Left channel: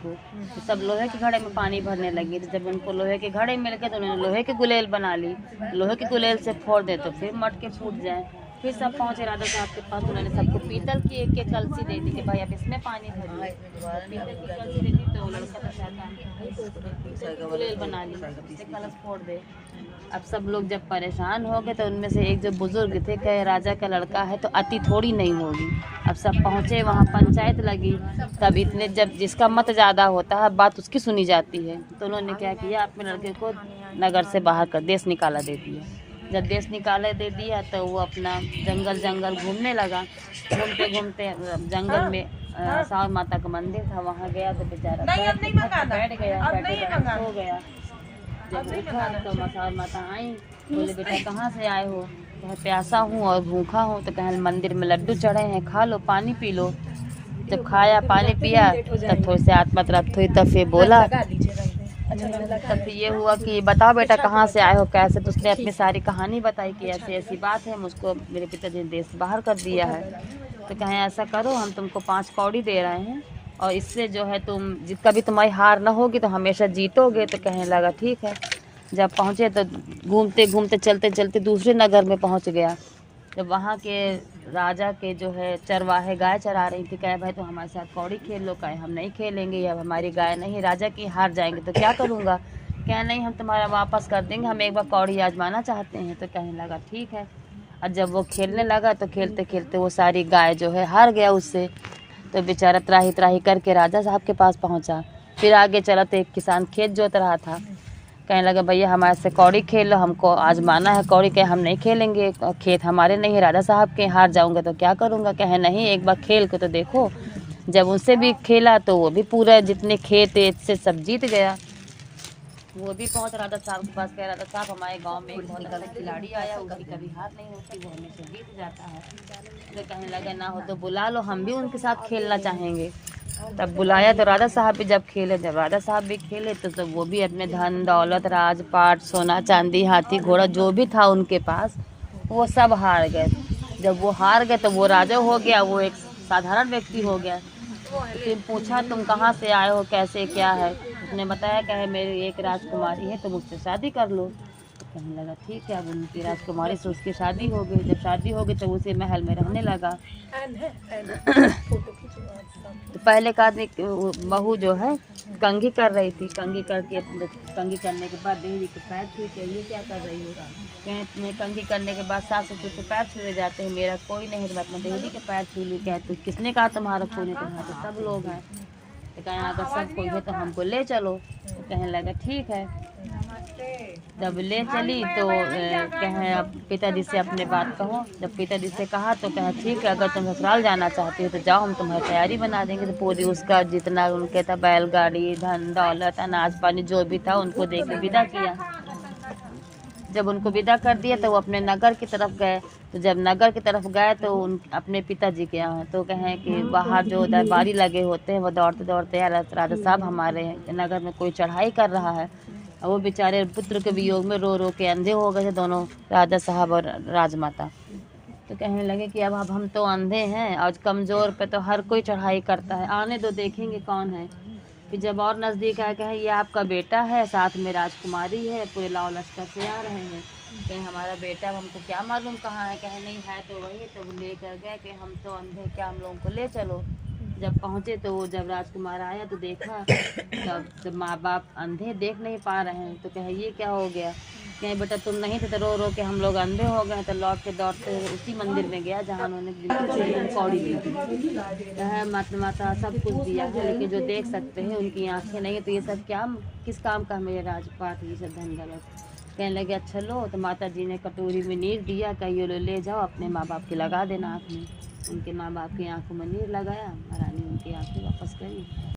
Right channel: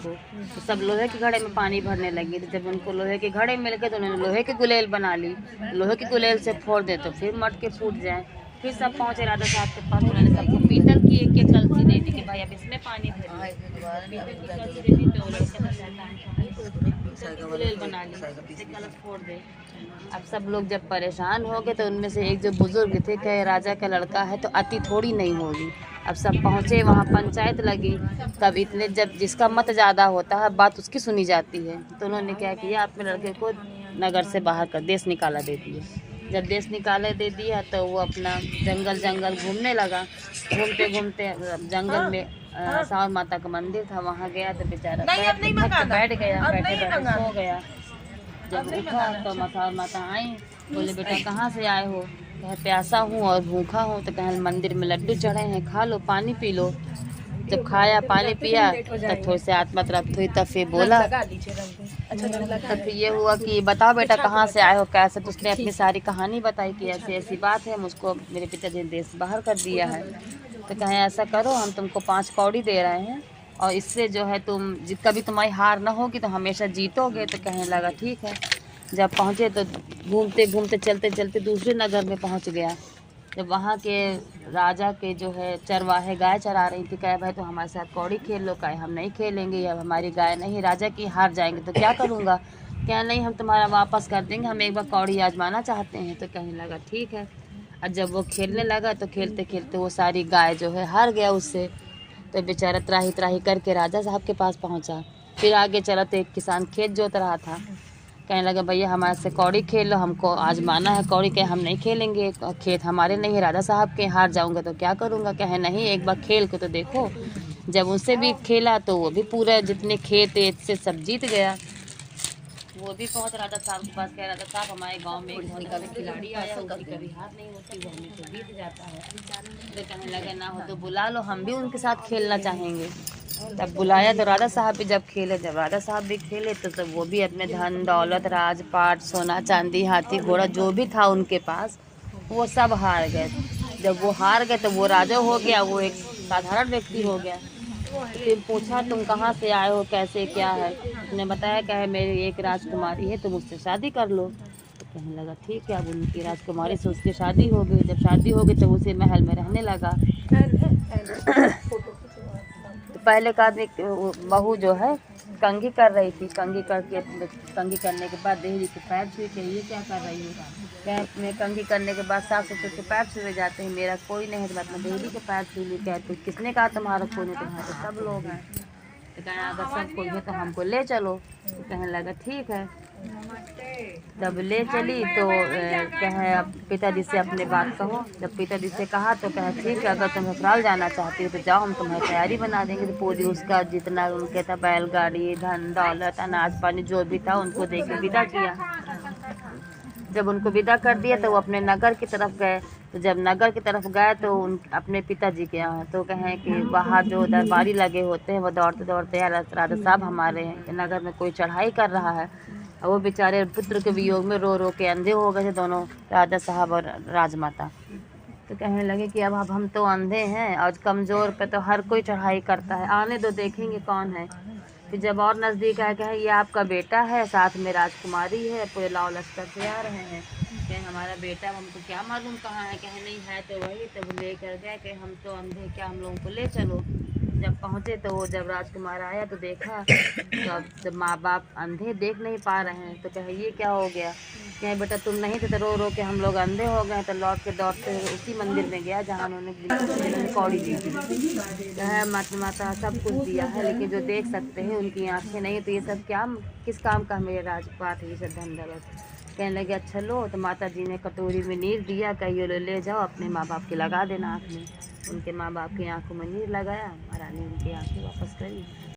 को, तो सब लोहे के घड़े में पानी भरने लगी। तो जब उनको लोहे के घड़े मिल गए तो उन्होंने लोहे की गुलेल बना ली। लोहे की गुलेल से फोड़ दे तो फिर मटके फूट जाए। फिर सब पहुँचे राजा साहब के पास, उन्होंने सबको पीतल की एक एक कलसी दे दी कि भाई अब इसमें पानी भरिए। पीतल की कलसी दे दी तो वो लड़का तो शैतान था, पीतल की गुलेल बना ली, उससे कलश फोड़ दे। अब सब लोग जब परेशान हो गए तो उनमें से एक जो बुजुर्ग थे, कहे राजा का लड़का है तो अति थोड़ी नहीं होगी। अब सब पहुँचे, वहाँ पंचायत लगी। तब इतने जब जिसका मत ज़्यादा होता है बात उसकी सुनी जाती है, तो उन्होंने क्या किया, अपने लड़के को नगर से बाहर कर देश निकाला दे दिया। जब देश निकाले दे दिया तो वो अपना जंगल घूमने लगा। घूमते घूमते जंगल में सावर माता का मंदिर था, वहाँ गया तो बेचारा बैठ गया, बैठे सो गया। जब उठा तो सावर माता आई, बोले बेटा कहाँ से आए हो? कहे प्यासा हूँ और भूखा हूँ। तो कहे मंदिर में लड्डू चढ़े हैं, खा लो, पानी पी लो। जब खाया पानी पिया तब थोड़ी से आत्मा तरफ थोड़ी, तब फिर बोला तब ये हुआ कि बताओ बेटा कहाँ से आए हो, कैसे? तो उसने अपनी सारी कहानी बताई कि ऐसी ऐसी बात है, मुझको मेरे पिताजी ने देश बाहर कर दिया है। तो कहें ऐसा करो, हम तुमको 5 कौड़ी दे रहे हैं और इससे जो है तुम कभी तुम्हारी हार ना होगी तो हमेशा जीतोगे। तो कहने लगा ठीक है। जब पहुँचे तो घूमते घूमते चलते चलते दूसरे नगर में पहुँच गया। जब वहाँ के राजा के जो है चरवाहे गाय चरा रही थी, कहे भाई तो हमारे साथ कौड़ी खेल लो। कहे हम नहीं खेलेंगे, अब हमारी गाय नहीं, राजा की हार जाएंगे तो क्या करूँगा? क्या नहीं, हम तुम्हारा वापस कर देंगे, हम एक बार कौड़ी आजमाना चाहते हैं। तो कहने लगा ठीक है। और जब वो खेलने लगा तो खेलते खेलते वो सारी गाय जो है हार गया उससे। तो बेचारा त्राही त्राही करके राजा साहब के पास पहुँचा। फिर आगे चला तो एक किसान खेत जोत रहा था, कहने लगा भैया हमारे से कौड़ी खेल लो, हमको आजमाना है कौड़ी। कहे हम नहीं खेलेंगे, खेत हमारे नहीं है, राजा साहब के, हार जाऊंगा तो क्या करूंगा? कहे नहीं, एक बार खेल के तो देखो। जब उनसे भी खेला तो वो भी पूरा जितने खेत से सब जीत गया। वो भी पहुंच राजा साहब के पास, कह राजा साहब हमारे गांव में एक बहुत बड़ा खिलाड़ी आया, उसकी कभी हार नहीं होती, वो हमें से जीत जाता है। तो कहने लगे ना हो तो बुला लो, हम भी उनके साथ खेलना चाहेंगे। तब बुलाया तो राजा साहब भी जब खेले, जब राजा साहब भी खेले तो सब वो भी अपने धन दौलत राजपाट सोना चांदी हाथी घोड़ा जो भी था उनके पास वो सब हार गए। जब वो हार गए तो वो राजा हो गया, वो एक साधारण व्यक्ति हो गया। तो फिर पूछा तुम कहाँ से आए हो, कैसे क्या है? उसने बताया कहे मेरी एक राजकुमारी है, तुम उससे शादी कर लो। तो कहने लगा ठीक है। अब उनकी राजकुमारी से उसकी शादी हो गई। जब शादी हो गई तो उसी महल में रहने लगा। तो पहले का बहू जो है कंघी कर रही थी, कंघी करने के बाद देहरी के पैर छुए के ये क्या कर रही हो? कहते कंघी करने के बाद सास ससुर के पैर छुए जाते हैं, मेरा कोई नहीं है तो अपना देहरी के पैर छू ली। कहते किसने कहा तुम्हारा कोई नहीं, तुम्हारे तो सब लोग हैं। तो कहें अगर सब कोई है तो हमको ले चलो। तो कहने लगा ठीक है। जब ले चली तो कहे पिताजी से अपने बात कहो। जब पिताजी से कहा तो कहे ठीक है, अगर तुम ससुराल जाना चाहती हो तो जाओ, हम तुम्हारी तैयारी बना देंगे। तो पूरी उसका जितना उनके था बैलगाड़ी धन दौलत अनाज पानी जो भी था उनको दे के विदा किया। जब उनको विदा कर दिया तो वो अपने नगर की तरफ गए। तो जब नगर की तरफ गए तो अपने पिताजी के यहाँ तो कहें कि बाहर जो दरबारी लगे होते हैं वो दौड़ते दौड़ते राजा साहब हमारे नगर में कोई चढ़ाई कर रहा है। और वो बेचारे पुत्र के वियोग में रो रो के अंधे हो गए थे दोनों, राजा साहब और राजमाता। तो कहने लगे कि अब हम तो अंधे हैं और कमज़ोर पे तो हर कोई चढ़ाई करता है, आने दो देखेंगे कौन है। फिर जब और नज़दीक आए कहे ये आपका बेटा है, साथ में राजकुमारी है, पूरे लाव लश्कर से आ रहे हैं। कहे हमारा बेटा, हमको क्या मालूम कहाँ है? कहे नहीं है तो वही। तो वो लेकर गए कि हम तो अंधे, क्या हम लोगों को ले चलो। जब पहुँचे तो वो जब राजकुमार आया तो देखा जब माँ बाप अंधे देख नहीं पा रहे हैं। तो कहे ये क्या हो गया? कहे बेटा तुम नहीं थे तो रो रो के हम लोग अंधे हो गए। तो लौट के दौड़ते उसी मंदिर में गया जहाँ उन्होंने कौड़ी दी थी। कहे माता सब कुछ दिया है लेकिन जो देख सकते हैं उनकी आंखें नहीं, तो ये सब क्या किस काम का मेरे राजपाट ये सब धन दौलत? कहने लगे अच्छा लो। तो माता जी ने कटोरी में नीर दिया, कहिए लो ले जाओ अपने माँ बाप की लगा देना आँख में। उनके माँ बाप की आंखों में नीर लगाया, महारानी उनकी आंखें वापस करी।